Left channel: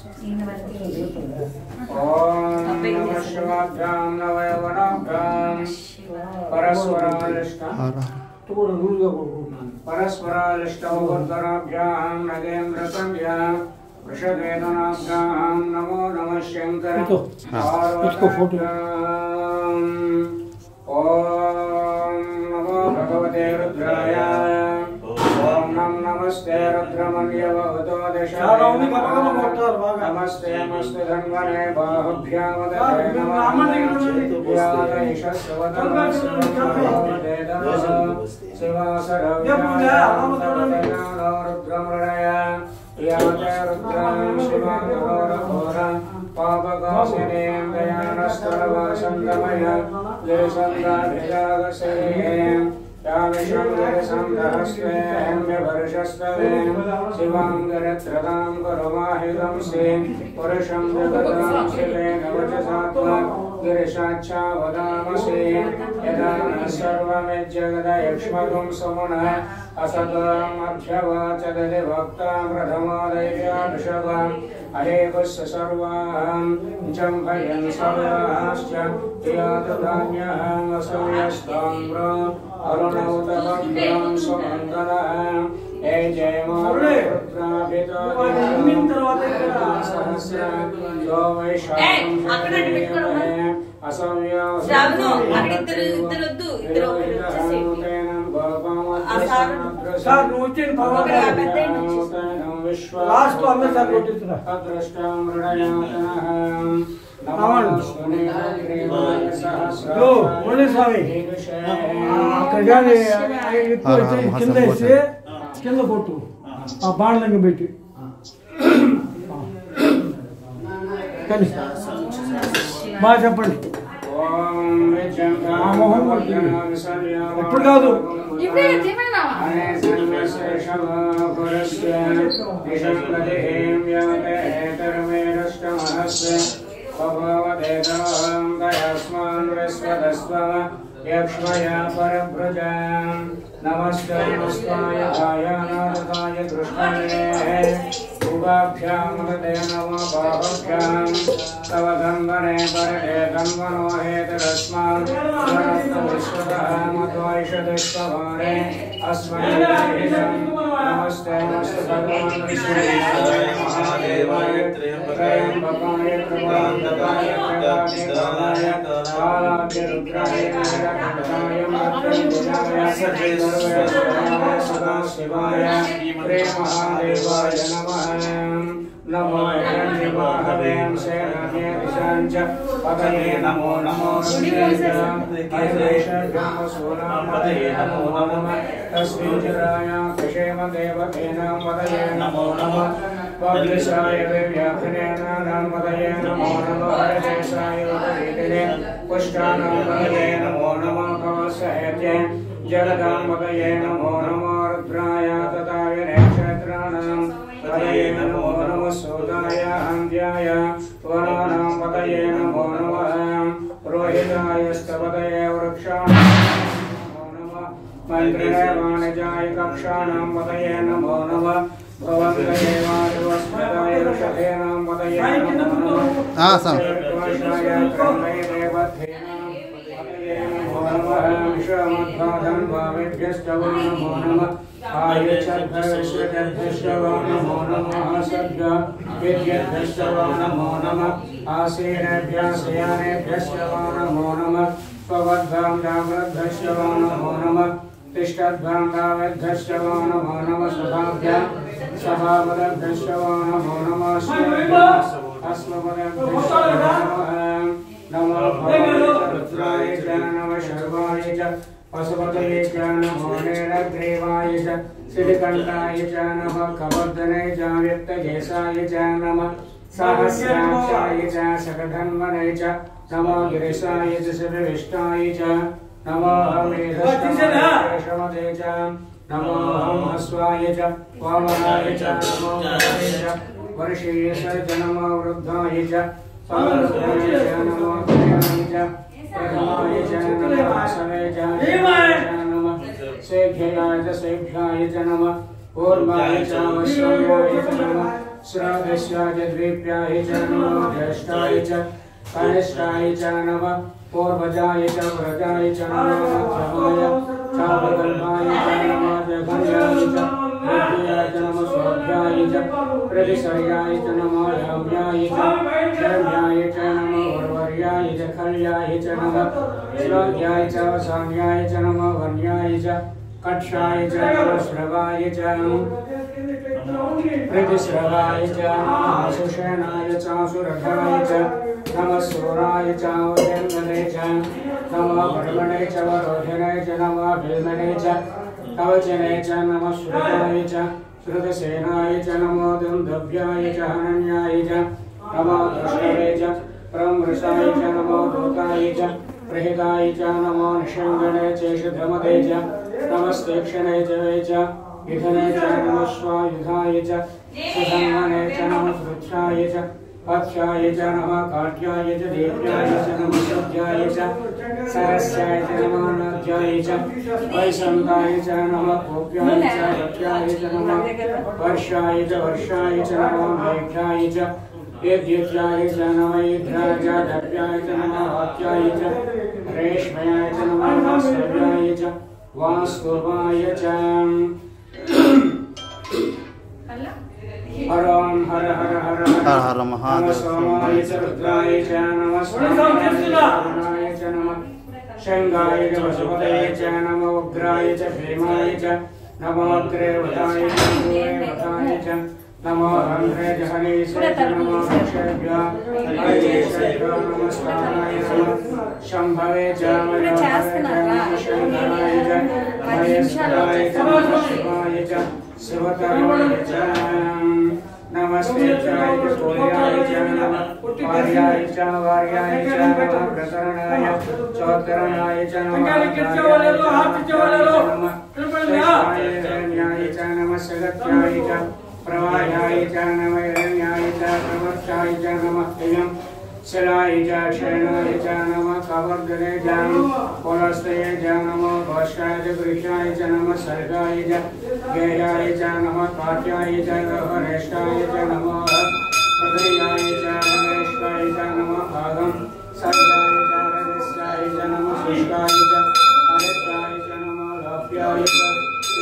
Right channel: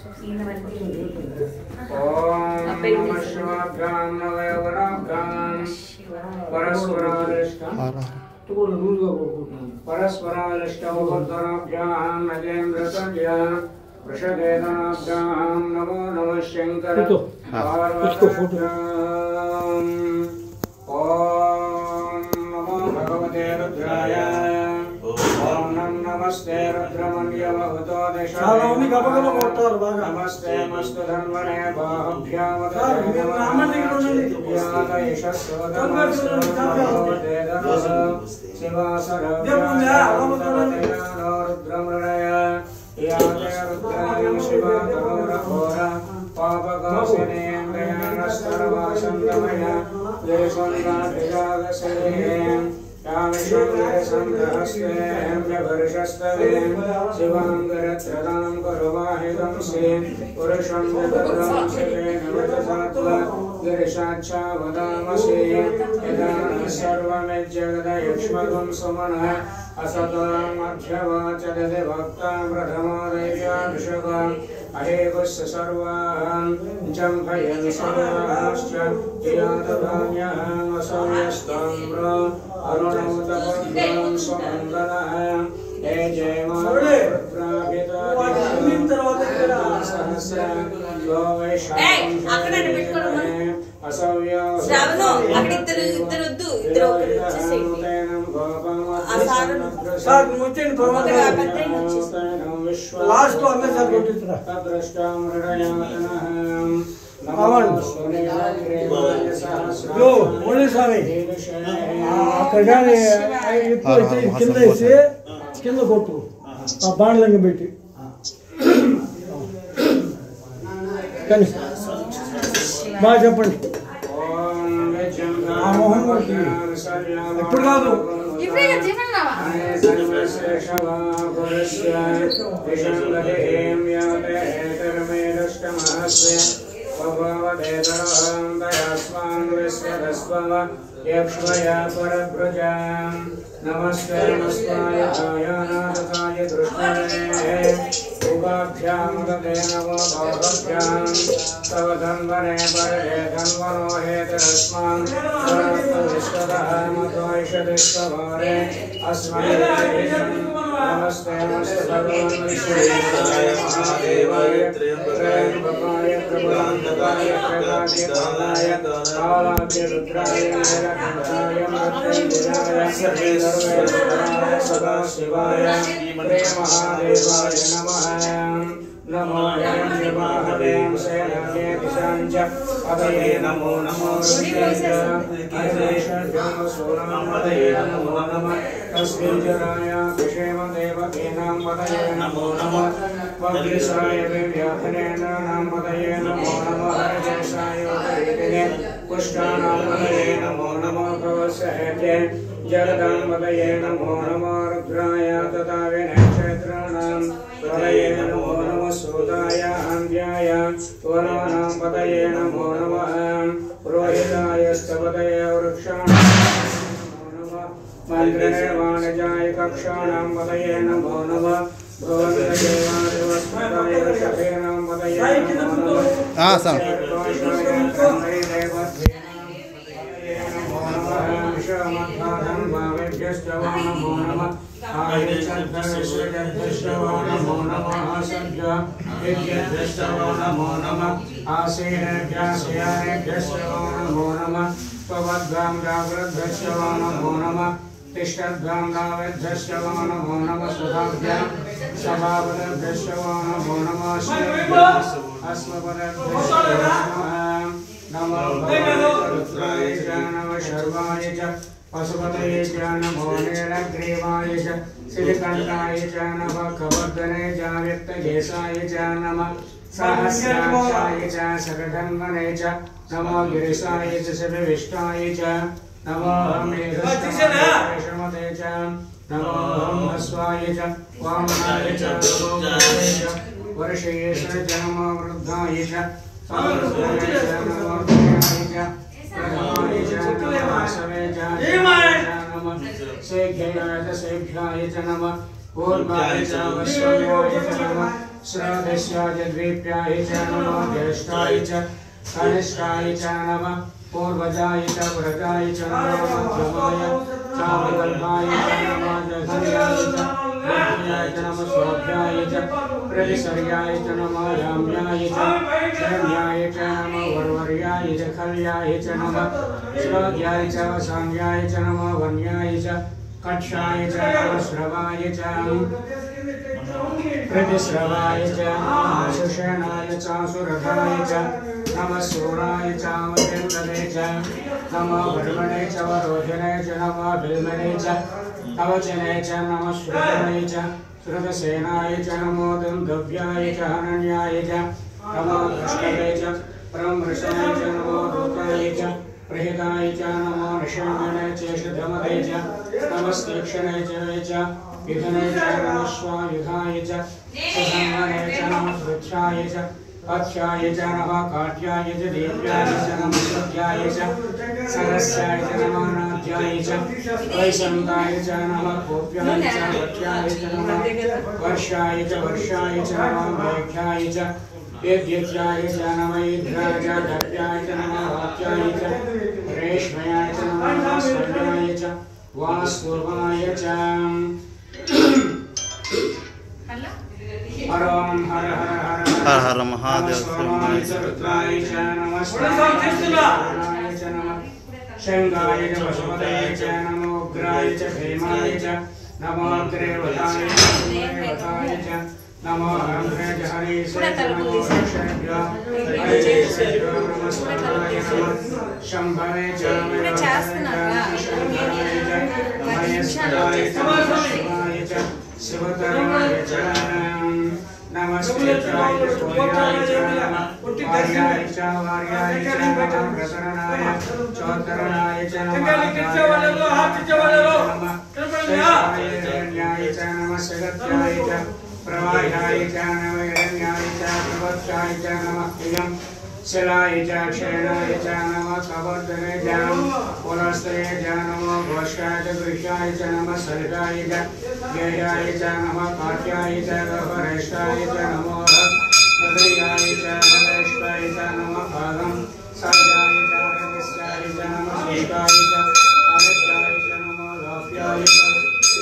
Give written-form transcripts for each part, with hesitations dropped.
ओम नमः शिवाभ्यां नवयवनाभ्यां परस्परालिष्टमुपद्गराभ्यां नगेन्द्रकन्या वृषभेदनाभ्यां नमो नमः शंकर ओम नमो भगवते रुद्राय ओम नमस्ते रुद्रमन्यवतो दशाय नमस्ते मस्तधन्वने बाहुभ्यामदे रुद्रमृणय याते रुद्राय शिवाघोर पापकाशनें गयानस्तरवासन्दमय गिरिसन्दाभिरागसरें शिवांगरत्रदां कुरुमाहितं से पुरुषं जगतं शिवेन वचसात्वा गिरिशाच्छावदामसे यदा सर्वमेज्जगदयक्ष्मगं सुमनः असतां मध्यवाचदति भक्तां प्रथमादैव्याभिषवाम् अहेवस्य सर्वान् जम्भयन् सर्वाश्च प्रियातभाम्यहं असौयस्ताम्र अरुणमुतभद्रां सुमङ्गलः हे जय కింద కొట్టు ఆ బాణలంగా పెట్టి కానీ బాగా చెప్పండి ఆ మోహన్ కొట్టింది ఎప్పుడు కాదు यक्ष्मया परभ्रजां नमस्ते नमस्ताय कायानाथाय दृष्टये उभाभ्यां ददे नमो बाहुभ्यां तव धन्वने परदे धन्वनो हेतरस्मान् सरत्तविष्टवः मध्वैषदिष्टभारे अस्मन् नमस्ते नमस्ते भगवान् विष्णुदेवाय महादेवाय त्र्यम्बकाय प्रभावकाय प्रभावकाय कालाग्नि रुद्राय नीलकण्ठाय मृत्युञ्जयाय सर्वेश्वराय सदाशिवाय श्री महादेवाय नमः नमो हिरण्यवाहवें सेनाये दिशाञ्च पदये नमो नमो रुद्रेशभ्यमसूनां पदये नमो नमः तस्मिञ्जराय कुशेमदेवतेनां पदये नमो नमः पद्रिसाय व्याघ्रेणानां पदये नमो नमः हरदेशाय उपरीतिने पुष्टानां पदये नमो नमः कौसहेते जगदां पदये नमो नमो रुद्राय तथा विनक्षत्राणां पदये नमो नमः सूताय हन्त्याय वनानां पदये नमो नमः रोहिताय स्तपदये वृक्षाणां नमो नमः मन्त्रिणे वाणिजाय कक्षाणां पदये नमो नमः भवन्तदेवादिवस्मदाय वृषभेनां पदये नमो नमः विश्वमद्भागं नमो नमः आयुष्यभ्यश्वो नमः सद्य विद्यभ्यश्वो नमो नमः आसीनेभ्यश्वो नमो नमः त्वद्भ्यां जाग्रद्भ्यश्वो नमो नमः तिष्ठद्भ्यां भावद्भ्यश्वो नमो नमः सुधाभ्यां सभावद्भ्यश्वो नमो नमः अस्मभ्यश्वो नमो भगवते च नमः शर्वाय च पशुपतये च नमो नीलग्रीवाय च श्रीकण्ठाय च नमः कवर्धने च व्यक्तकेशाय च नमः सहस्राक्षाय च शतधन्वने च नमो गिरिशाय च शिवविष्टाय च नमो मेघश्रमते च नमो हस्वाय च वामनाय च नमो भवाय च वर्षेय च नमो वृद्धाय च सामर्थ्याय च नमो ध्यानाय च प्रथमाय च नमः समय च नमः सेभ्याय च नमः पूर्वाय च विश्वाय च नमः श्राद्धस्याय द्वीप्याय च नमो ज्येष्ठाय च कनिष्ठाय च नमः पूर्वजाय च व्रजाय च नमो मध्यमाय चारुकल्पाय च नमो जघन्याय च विद्याय च नमो शोभ्याय च प्रतिसर्याय च नमो याम्याय च शरण्याय च नमो उर्वर्याय च खल्याय च नमः श्लोक्याय च वसाम्याय च नमो वन्याय च कक्षाय च श्रवाय च प्रतिश्रवाय च सुषेणाय च सुरथाय च नमः सूराय च वजन्मने च नमः वर्मणे च वरोहिणे च नमः बिल्मने च कवचने च नमः श्रुताय च श्रुतसेनाय च नमो दुन्दुभ्याय च हनन्याय च नमो दृष्टवे च प्रमृषाय च नमो दूताय च प्रहिताय च नमो निषङ्गणे च शुद्धमते च नमस्तीक्षणे च वे च विधने च नमः स्वायुधाय च सुसंवने च नमः वृक्षाय च पथ्याय च नमः काट्याय च दीप्याय च नमः शुद्ध्याय च सरस्याय च नमः नाद्याय च वैशन्ताय च नमः कोप्याय च वक्ष्याय च नमः वर्षाय च नमः मेघ्याय च वेद्युत्याय च नमः इन्द्राय च दव्याय च नमः वाक्याय च रेश्मयाय च नमः वास्वर्याय च वास्तुवाय च हर हर हर हर हर महादेव स्वाहाय च रुद्राय च नमः स्वाहाय च नमः शंगाय च वसुपतये च नमः उग्राय च भीमाय च नमः अग्रेवताय च दूरेवताय च नमः हन्त्रे च हनेश च नमः रक्षेभ्यः हरेभ्यः नमः स्वाहाय च शंभवे च शंभराय च महेश्वराय च शिवाय च शिवतराय च नमस्ते चाय सूर्याय च नमः वार्याय च नमः प्रकरणाय चौतरणाय च नमः हिरण्याय च नमः सगत्याय च प्रवाह्याय च नमः हिरण्याय च प्रवत्याय च नमः प्रियं शिलाय च क्षयणाय च नमः कवर्धने च पुनस्तये च नमः घोषाय च गृह्याय च नमः सर्गाय च गेयाय च नमः काट्याय च गर्भरेष्ठाय च नमः हृदयाय च नरेश्वाय च नमः भागं सर्गाय च रजस्याय च नमः शुष्काय च अनिष्टाय च नमः लाभ्याय च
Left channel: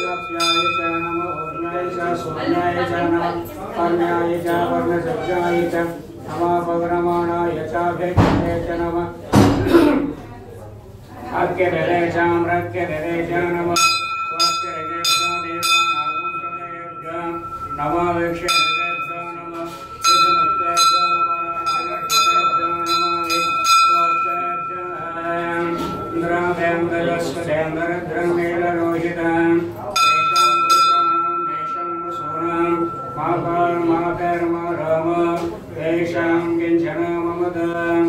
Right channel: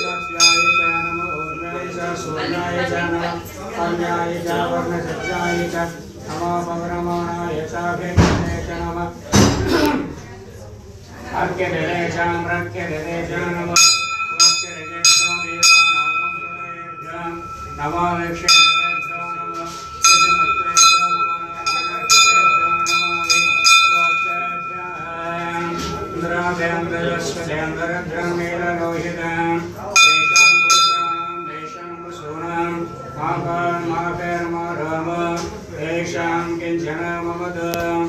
लाभ्याय च नमः ऊर्णाय च सुवर्णाय च नमः कन्याय च वर्णसज्जाय च नमः पवनमानाय चाभिप्रे च नमः अर्घ्यदे च मृग्यदे च नमः वाक्यदे नमः विक्षेभ्यो नमः विजमत्रे च नमः इंद्राभ्यंदरस्वदेंद्रद्रंगेलरोहितां तेषां पुरुषाणां देशं वसूनां माभर्माभर्मराम तेषां किञ्चन ममदां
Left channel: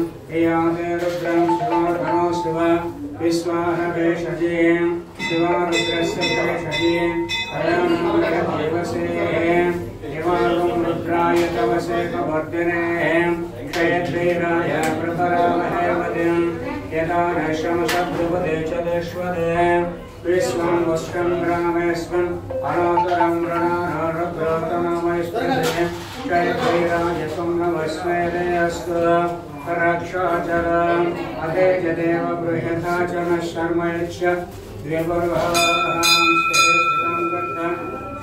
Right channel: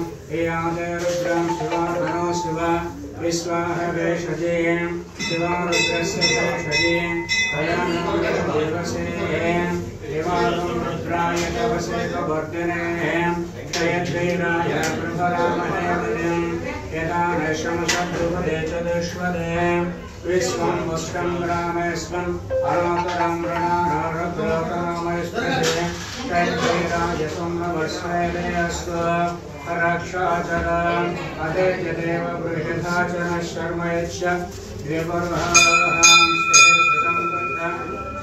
याते रुद्रं शिवाधनो शिव विश्वाह भेषजे शिवा रुद्रस्य भेषजे अयं देवसे शिवालं रुद्राय तवसे कवर्धने क्षयद्वीराय प्रभरामहे यदा नशं सद्रुवदे च दश्वदे विश्वं वस्त्रं रामेस्वं अनातरं रणानारग्रतममस्पृशे क्षयद्वीराय त्वं नमस्मेदे अस्तु रक्षाचरम् अधेजदेव बृहथा च नः शर्म यच्छ द्व्यपर्वां स्थितं दत्तं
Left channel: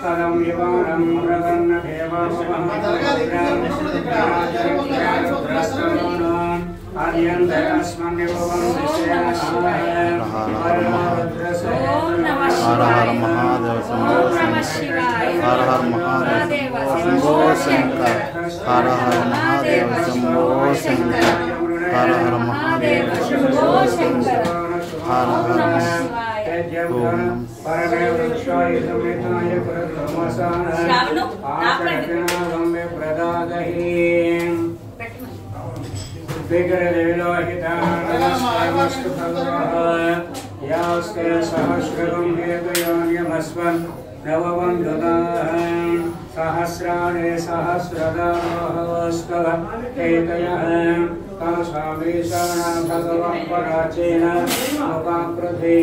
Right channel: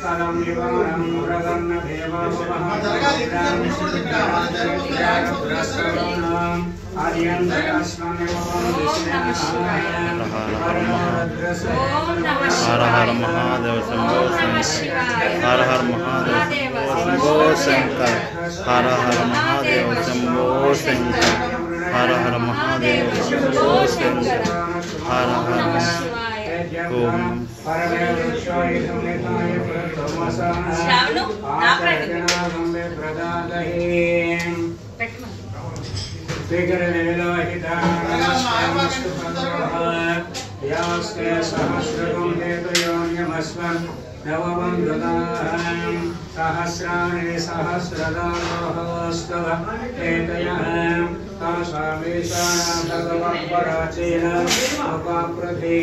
फलं विवानं प्रवन्न देवासुमहान् हर हर महादेव शंभो शंकर हर हर महादेव शंभो शंकर हर हर महादेव शंभो शंकर हर हर महादेव शंभो शंकर हर हर ओम सहस्राणि सहस्रदास्तव एतयः तासामीशाना भगवत्पराचीन लोकाकृति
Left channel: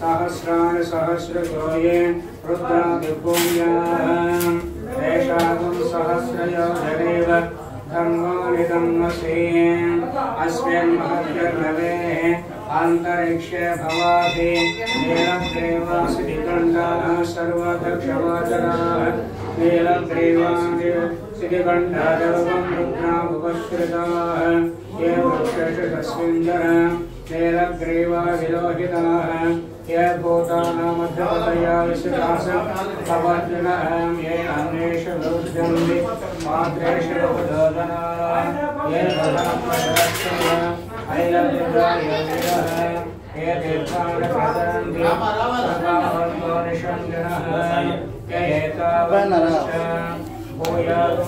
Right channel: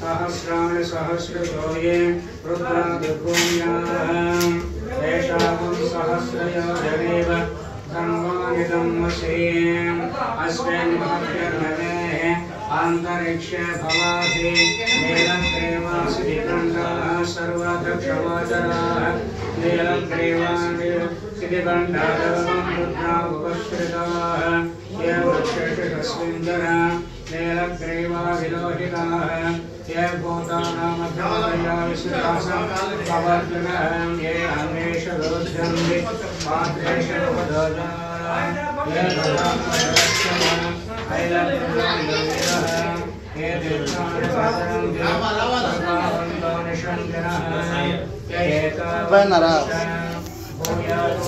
सहस्राणि सहस्रशोये रुद्रादिभूम्याः तेषां सहस्रयोजनेव कर्मानिदं वशीम् अस्मिन् महत्यर्भवेः आन्तरिक्षे भवाहि नीलग्रीवासिधिकण्डाः सर्वदक्षगोचराः नीलग्रीवासिधिकण्डादवं रुद्रा उपश्रिताः ये वृक्षेषु तस्मिन्दरः नीलग्रीवा विलोहिताः ये भूतानामध्यपदया विश्रिताः कवर्जुनः ये अन्येषु विरुध्यन्ति पात्रेषु उपदोषाः ये भगामदक्षः ऐलद्रुजायोगिनः ये तीर्थानि प्रचरन्ति सर्वावन्तो निषङ्गिनः ये एतावत् भूयात्